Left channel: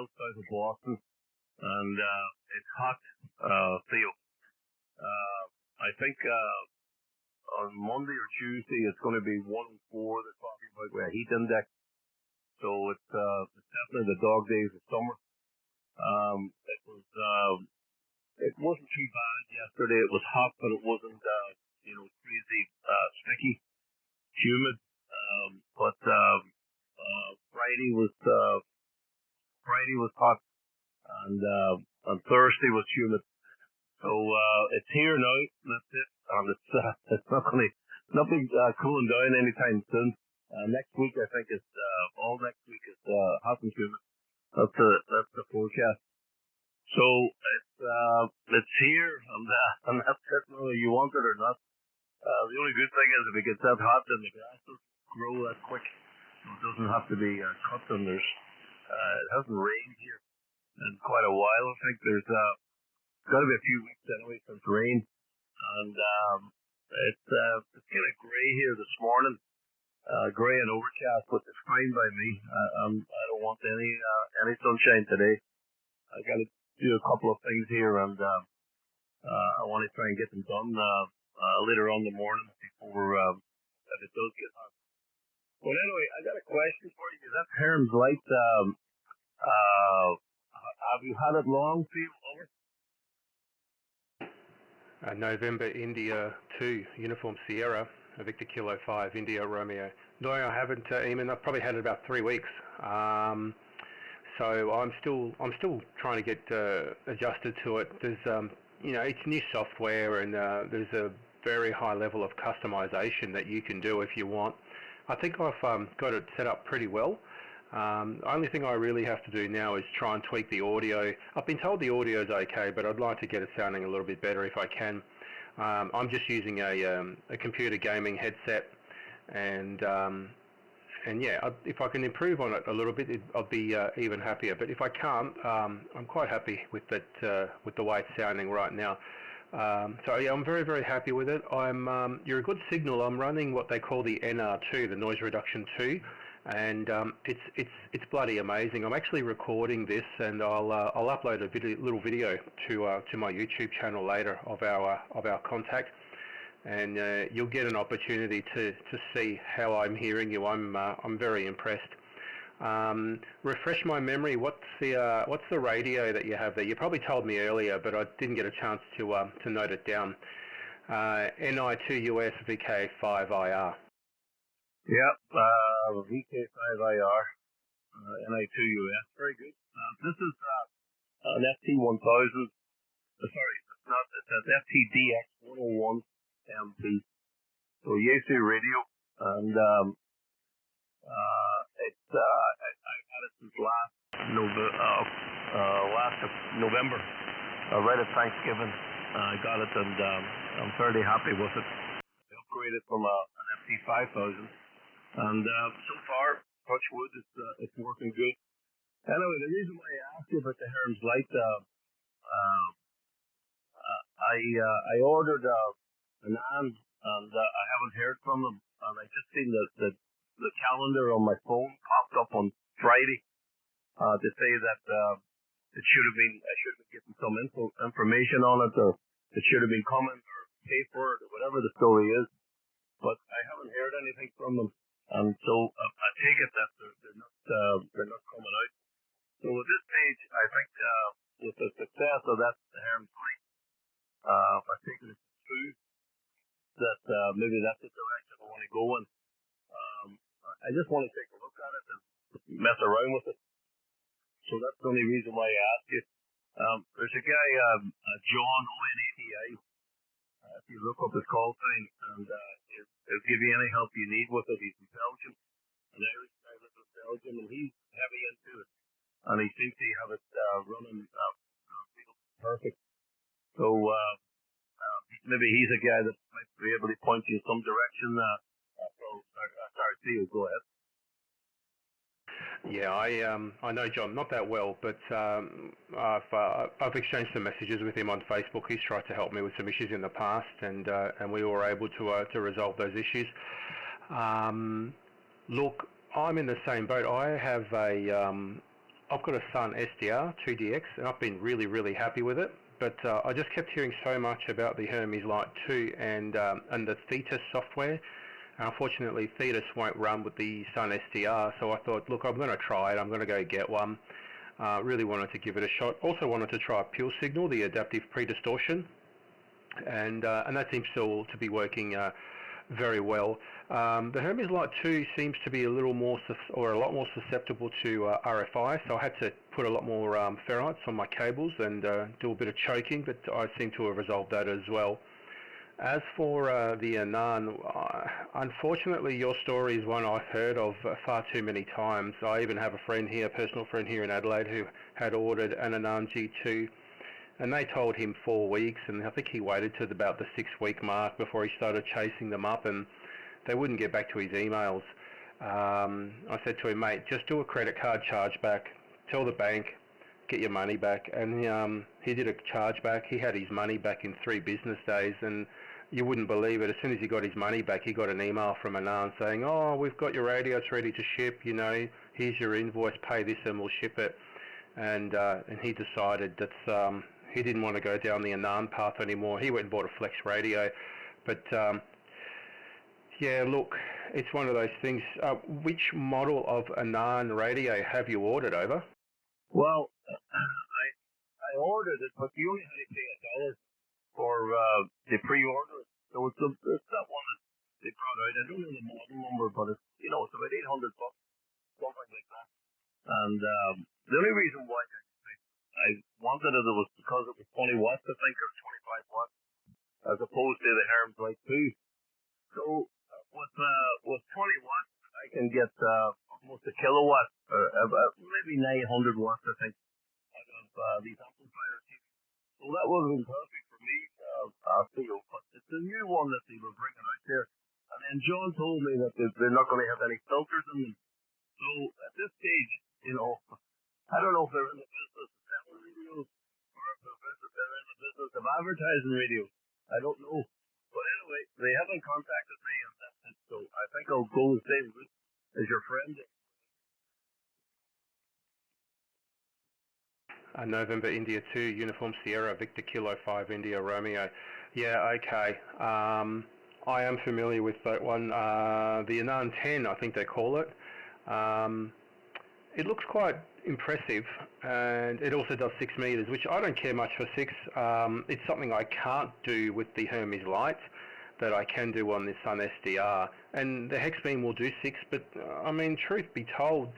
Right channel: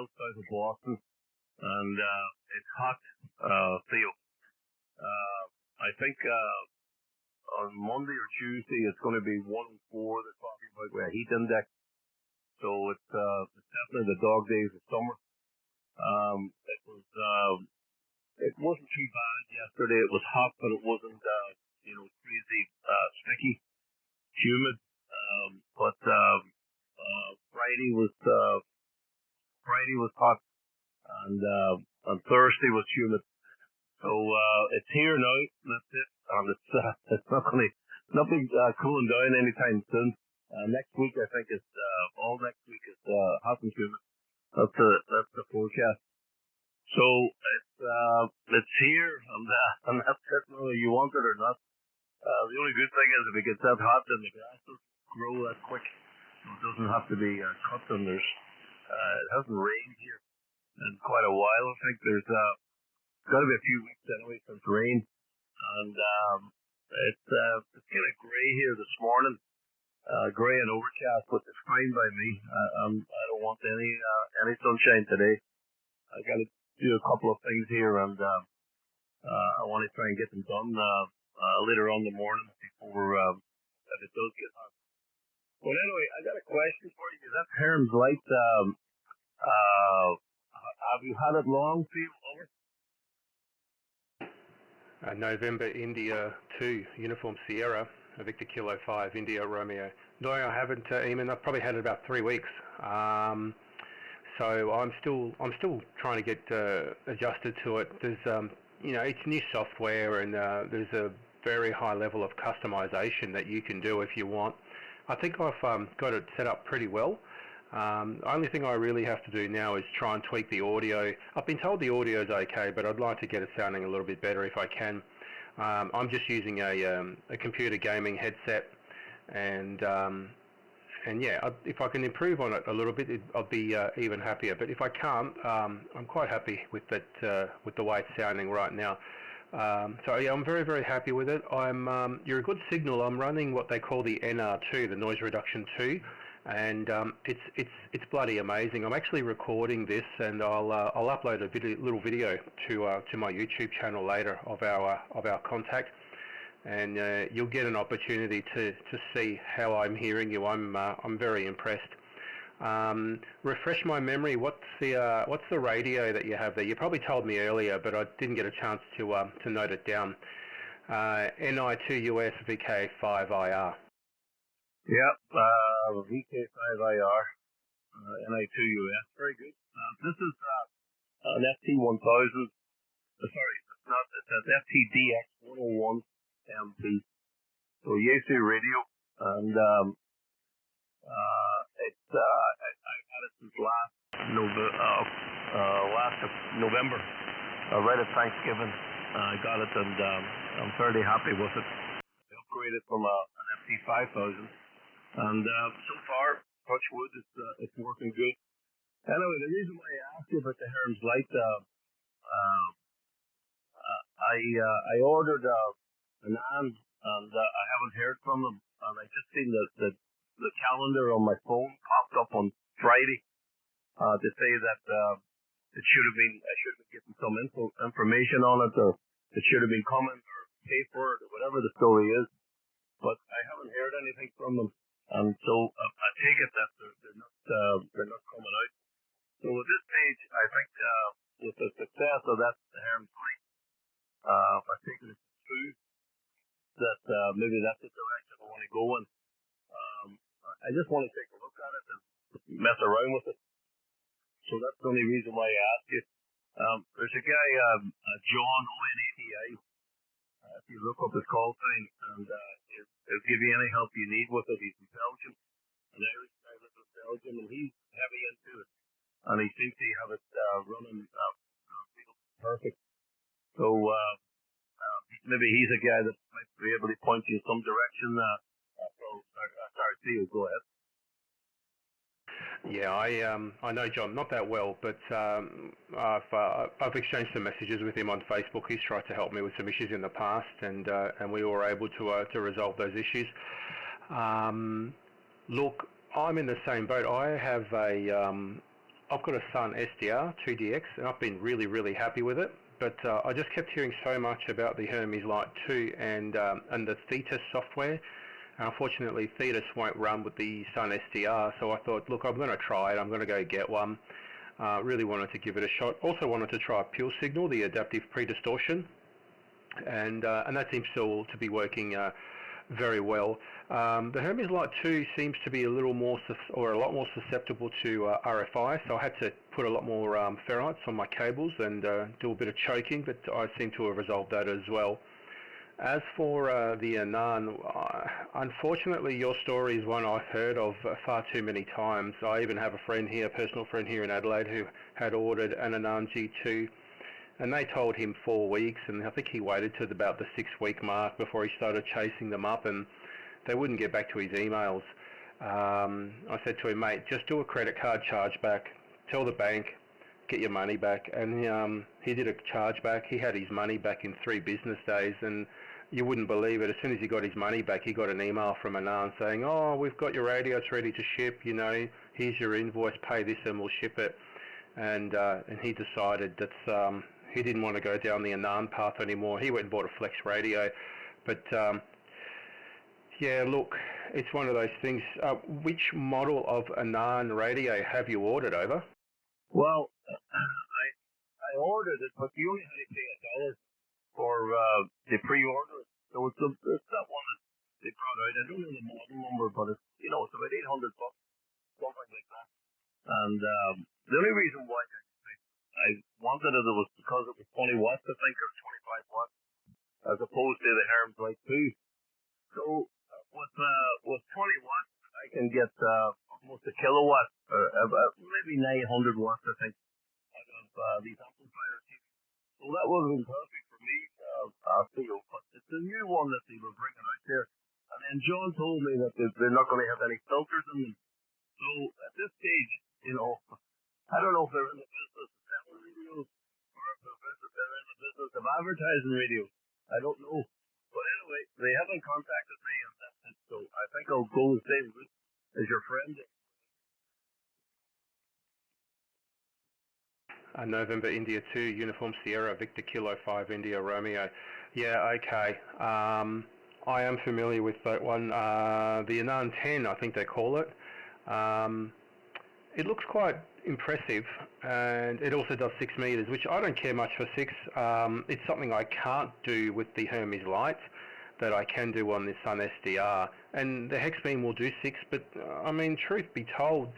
miles south of Boston, and it's hot, Theo. I think on Monday or Tuesday it's going to be 104. They're talking about with a heat index, so it's definitely the dog days of summer. It wasn't too bad yesterday. It was hot, but it wasn't crazy sticky, humid. But Friday was hot, and Thursday was humid. So it's here now. That's it. And it's not be cooling down anytime soon. Next week I think is all next week is hot and humid. That's the forecast. So it's here, and that's it. Whether you want it or not. The only good thing is if it gets that hot, then the grass doesn't grow that quick. So it doesn't have to be cut. And it hasn't rained here in quite a while. I think there's got to be a few weeks anyway since rain, and it's kind of grey here this morning, grey and overcast, but it's fine by me. I don't want any sunshine today. I got to do a couple of things here, and I want to try and get them done later on in the morning before if it does get hot. But anyway, I got a question for you. Is that Hemers Lite? Have you had it long, Steve? Over? November India 2, Uniform Sierra, Victor Kilo 5, India Romeo. No, I haven't, Eamon. I've probably had it about 3 weeks. So I'm still trying to get adjusted to it. There's it's new software, and there's a very high level of customization that you can do if you want. I think I've got it set up pretty well. The only thing I really have to do now is try and tweak the audio. I've been told the audio is okay, but I'd like to get it sounding a little bit better if I can. I'm just using a computer gaming headset, and yeah, if I can improve on it a little bit, I'll be even happier. But if I can't, I'm quite happy with that, with the way it's sounding right now. So yeah, I'm very, very happy with it. You're a good signal. I'm running what they call the NR2, the noise reduction 2, and it's bloody amazing. I'm actually recording this, and I'll upload a little video to my YouTube channel later of our contact, and you'll get an opportunity to see how I'm hearing you. I'm very impressed. Refresh my memory. What's the radio that you have there? You probably told me earlier, but I didn't get a chance to note it down. NI2US VK5IR. Yep, VK5IR, NI2US. Very good. This is an FT1000. Sorry, it's not. It's an FTDX 101 MP. So Yaesu radio, and I had it since last November, right at Thanksgiving. I got it, and I'm fairly happy with it. I upgraded from an FT5000, and so far, touch wood, it's working good. Anyway, the reason why I asked you about the Hemers Lite, I ordered an AND, and I haven't heard from them, and I just seen the calendar on my phone popped up on Friday to say that I should have been getting some information on it, or it should have been coming, or pay for it, or whatever the story is. But I haven't heard anything from them, and so I take it that they're not coming out. So at this stage, I think with the success of that Hemers Lite, I think it's true that maybe that's the direction I want to go in. I just want to take a look at it and mess around with it. So that's the only reason why I asked you. There's a guy, John ONATI. If you look up his call sign, and he'll give you any help you need with it. He's in Belgium, an Irish guy lives in Belgium, and he's heavy into it. And he seems to have it running perfect. So maybe he's a guy that might be able to point you in some direction. Sorry, Theo, go ahead. Yeah, I know John not that well, but I've exchanged some messages with him on Facebook. He's tried to help me with some issues in the past, and we were able to resolve those issues. Look, I'm in the same boat. I have I've got a Sun SDR 2DX, and I've been really, really happy with it. But I just kept hearing so much about the Hemers Lite 2 and the Thetis software. Unfortunately, Thetis won't run with the Sun SDR, so I thought, look, I'm going to try it. I'm going to go get one. Really wanted to give it a shot. Also wanted to try Pure Signal, the adaptive pre-distortion, and that seems still to be working very well. The Hemers Lite 2 seems to be a lot more susceptible to RFI, so I had to put a lot more ferrites on my cables and do a bit of choking, but I seem to have resolved that as well. As for the Anan, unfortunately your story is one I've heard of far too many times. I even have a personal friend here in Adelaide, who had ordered an Anan G2, and they told him 4 weeks, and I think he waited to about the 6-week mark before he started chasing them up, and they wouldn't get back to his emails. I said to him, mate, just do a credit card chargeback, tell the bank, get your money back, and he did a chargeback. He had his money back in 3 business days, and you wouldn't believe it. As soon as he got his money back, he got an email from Anan saying, oh, we've got your radio, it's ready to ship, here's your invoice, pay this and we'll ship it. And he decided that he didn't want to go down the Anan path anymore. He went and bought a Flex radio. But yeah, look, it's one of those things. Which model of Anan radio have you ordered over? Well, I ordered it, but you only had to pay $1 for the pre-order. So it's that one that they brought out. I don't know the model number, but it's it's about $800, something like that. And the only reason why I wanted it was because it was 20 watts, I think, or 25 watts, as opposed to the Hemers Lite 2. So with 20 watts, I can get almost a kilowatt, or maybe 900 watts, I think, out of these amplifiers. So that would have been perfect for me, I feel. But it's a new one that they were bringing out there. And then John told me that they're not going to have any filters in them. So at this stage, I don't know if they're in the business of selling radios or if they're in the business of advertising radios. I don't know. But anyway, they haven't contacted me, and that's it. So I think I'll go the same route as your friend. November India 2, Uniform Sierra, Victor Kilo 5, India Romeo. Yeah, okay. I am familiar with that one. The Anan 10, I think they call it. It looks quite impressive, and it also does 6 meters, which I don't care much for 6. It's something I can't do with the Hemers Lite that I can do on the Sun SDR. And the hex beam will do 6, but I mean, truth be told,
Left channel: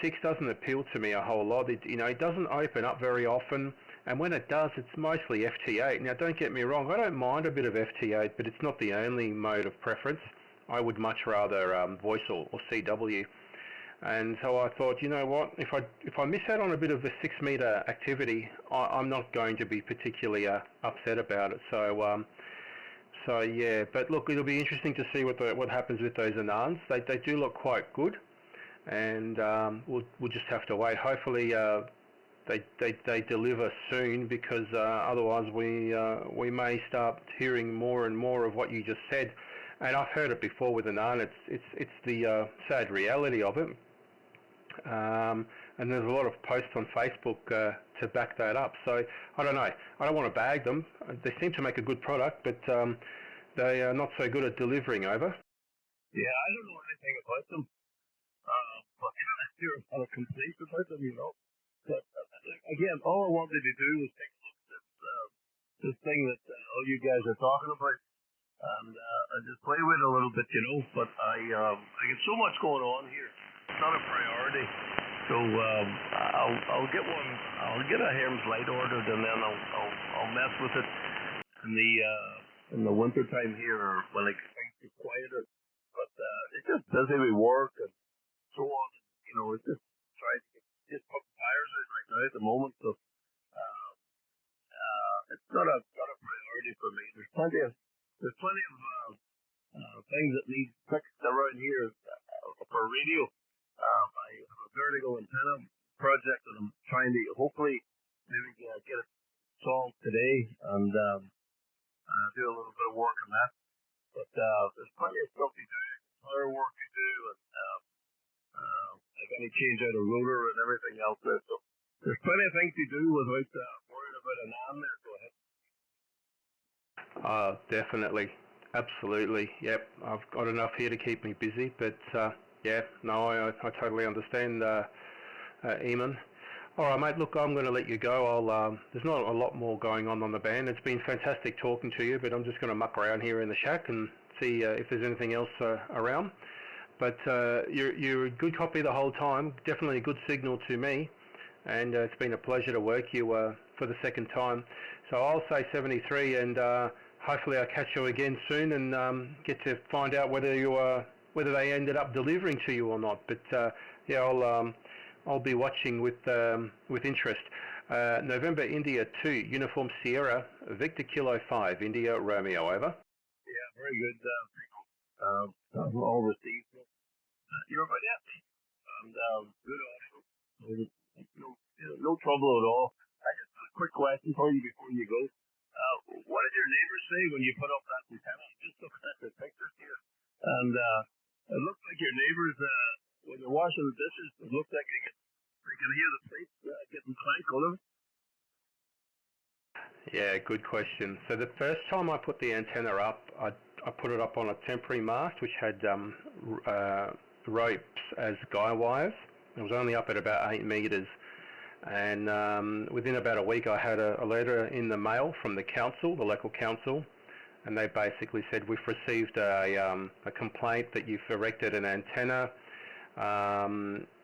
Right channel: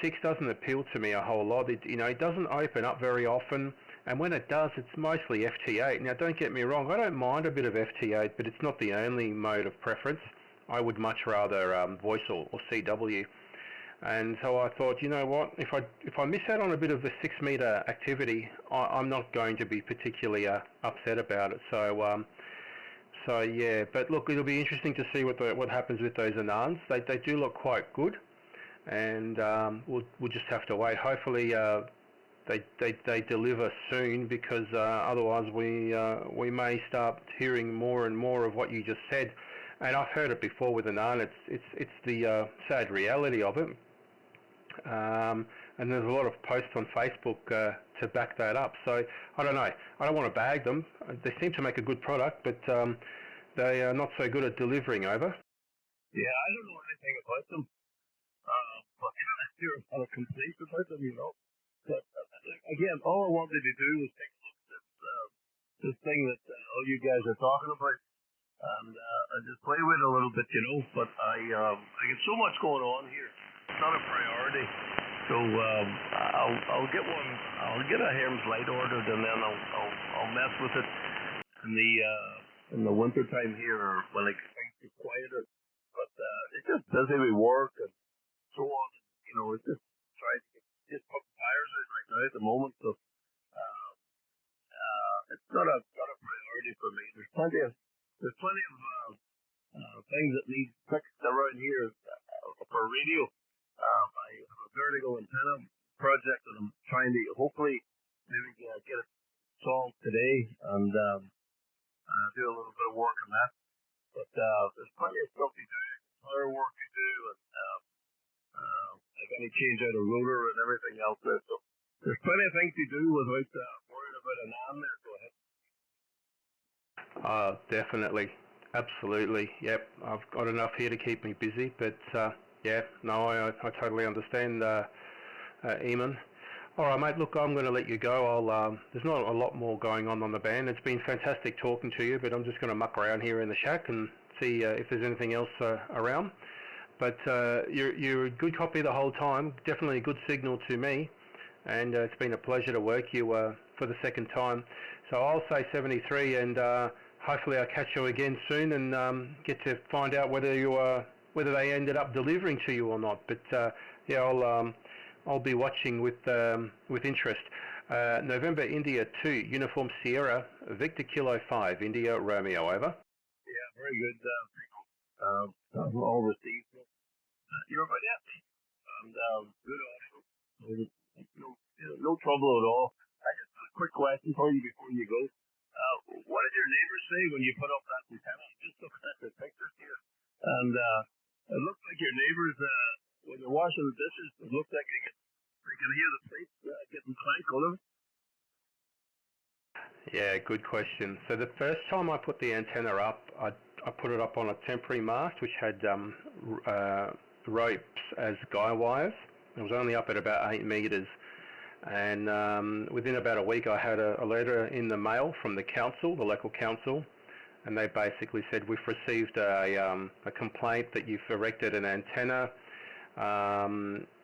6 doesn't appeal to me a whole lot. It doesn't open up very often, and when it does, it's mostly FT8. Now, don't get me wrong, I don't mind a bit of FT8, but it's not the only mode of preference. I would much rather voice or CW. And so I thought, you know what, if I miss out on a bit of the 6 meter activity, I'm not going to be particularly upset about it. So yeah, but look, it'll be interesting to see what happens with those Anans. They do look quite good, and we'll just have to wait. Hopefully they deliver soon, because otherwise we may start hearing more and more of what you just said. And I've heard it before with Anan. It's the sad reality of it. And there's a lot of posts on Facebook to back that up. So I don't know. I don't want to bag them. They seem to make a good product, but they are not so good at delivering over. Yeah, I don't know anything about them. But I hear a lot of complaints about them, But again, all I wanted to do was take a look at this thing that all you guys are talking about, and I just play with it a little bit, But I get so much going on here. It's not a priority. So I'll get one. I'll get a Hemers Lite ordered, and then I'll mess with it in the winter time here, or when things get quieter. But it's just busy with work and so on. It's just trying to just put fires out right now at the moment. So it's not a priority for me. There's plenty of things that need fixed around here for radio. I have a vertical antenna project that I'm trying to hopefully maybe get it solved today, and do a little bit of work on that. But there's plenty of stuff to do, other work to do, and I got to change out a rotor and everything else there. So there's plenty of things to do without worrying about an arm there. Go ahead. Definitely. Absolutely. Yep. I've got enough here to keep me busy, but yeah, no, I totally understand, Eamon. All right, mate. Look, I'm going to let you go. There's not a lot more going on the band. It's been fantastic talking to you, but I'm just going to muck around here in the shack and see if there's anything else around. But you're a good copy the whole time. Definitely a good signal to me, and it's been a pleasure to work you for the second time. So I'll say 73, and hopefully I'll catch you again soon and get to find out whether whether they ended up delivering to you or not. But yeah, I'll be watching with interest. November India 2, Uniform Sierra, Victor Kilo 5, India Romeo, over. Yeah, very good. All received. You're about it. And good audio. No trouble at all. I just have a quick question for you before you go. What did your neighbors say when you put up that antenna? Just looking at the pictures here. And it looks like your neighbors, when they're washing the dishes, it looks like they can hear the plates getting clank on them. Yeah, good question. So the first time I put the antenna up, I put it up on a temporary mast which had ropes as guy wires. It was only up at about 8 metres. And within about a week I had a letter in the mail from the council, the local council, and they basically said, we've received a complaint that you've erected an antenna.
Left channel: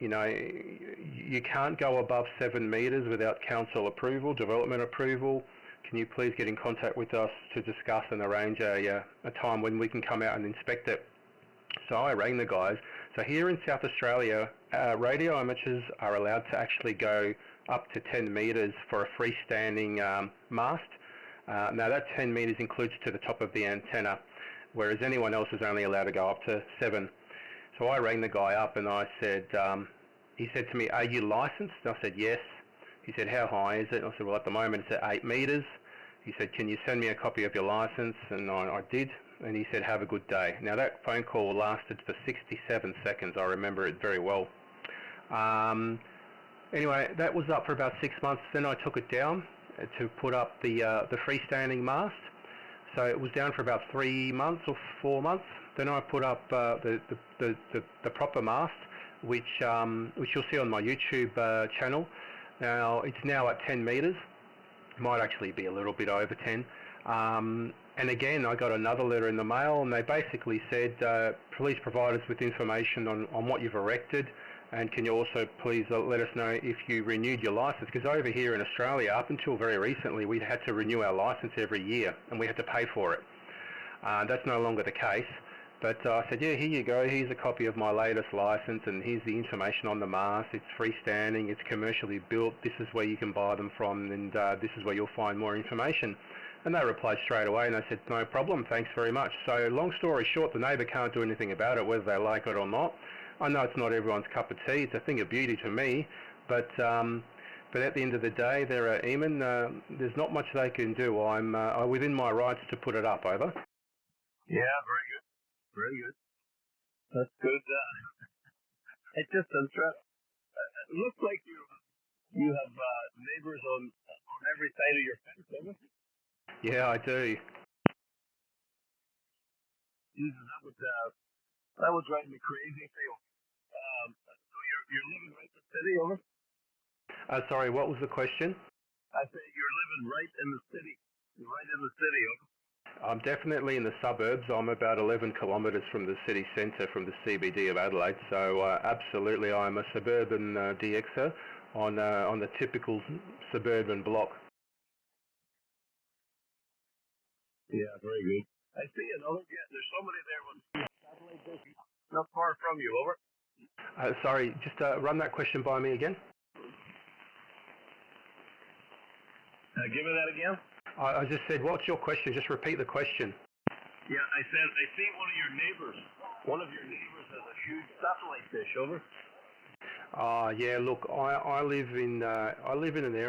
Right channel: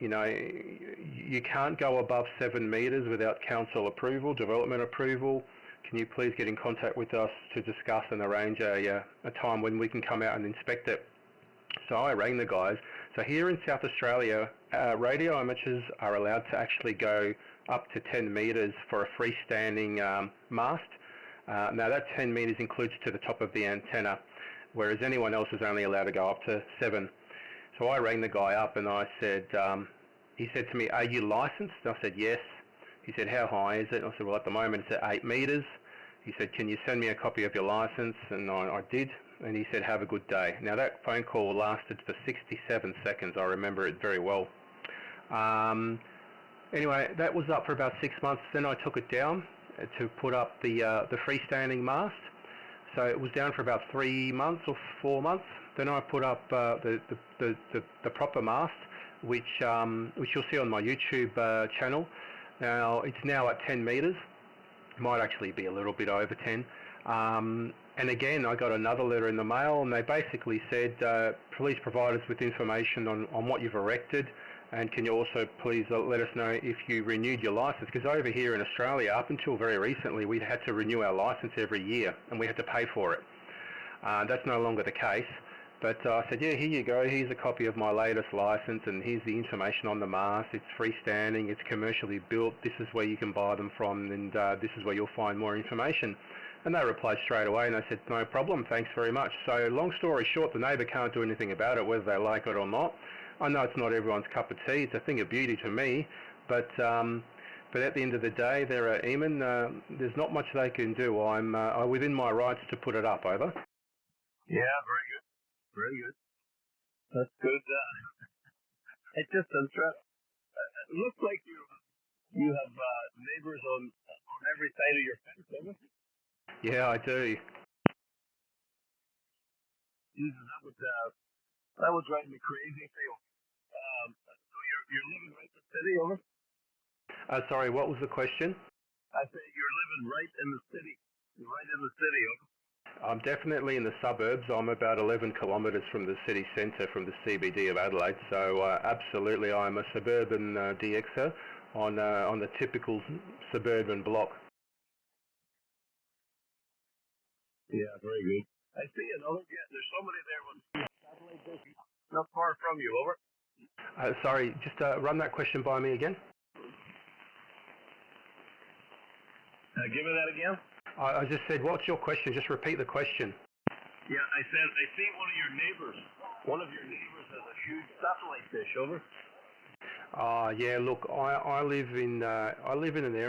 You know, you can't go above 7 metres without council approval, development approval. Can you please get in contact with us to discuss and arrange a time when we can come out and inspect it? So I rang the guys. So here in South Australia, radio amateurs are allowed to actually go up to 10 metres for a freestanding mast. Now that 10 metres includes to the top of the antenna, whereas anyone else is only allowed to go up to 7. So I rang the guy up and I said, he said to me, are you licensed? And I said, yes. He said, how high is it? And I said, well, at the moment it's at 8 metres. He said, can you send me a copy of your licence? And I did. And he said, have a good day. Now that phone call lasted for 67 seconds. I remember it very well. Anyway, that was up for about 6 months. Then I took it down to put up the freestanding mast. So it was down for about 3 months or 4 months. Then I put up the proper mast, which you'll see on my YouTube channel. Now it's now at 10 metres. Might actually be a little bit over 10. And again, I got another letter in the mail, and they basically said, please provide us with information on what you've erected, and can you also please let us know if you renewed your licence? Because over here in Australia, up until very recently, we had to renew our licence every year, and we had to pay for it. That's no longer the case. But I said, yeah, here you go. Here's a copy of my latest licence, and here's the information on the mast. It's freestanding. It's commercially built. This is where you can buy them from, and this is where you'll find more information. And they replied straight away, and I said, no problem, thanks very much. So long story short, the neighbour can't do anything about it, whether they like it or not. I know it's not everyone's cup of tea. It's a thing of beauty to me. But at the end of the day, there, Eamon, there's not much they can do. I'm within my rights to put it up, over. Yeah, very good. Very good. That's good. It's just interesting. It looks like you have neighbours on every side of your fence, doesn't it? Yeah, I do. Jesus, that would drive me crazy, Phil. So you're living right in the city, over? Sorry, what was the question? I said you're living right in the city. You're right in the city, over? I'm definitely in the suburbs. I'm about 11 kilometres from the city centre, from the CBD of Adelaide. So absolutely, I'm a suburban DXer on the typical suburban block. Yeah, very good. I see another. Yeah, there's somebody there with satellite dish not far from you, over. Sorry, just run that question by me again. Give me that again. I just said, what's your question? Just repeat the question. Yeah, I said I see one of your neighbours. One of your neighbours has a huge satellite dish, over. Yeah. Look, I live in an area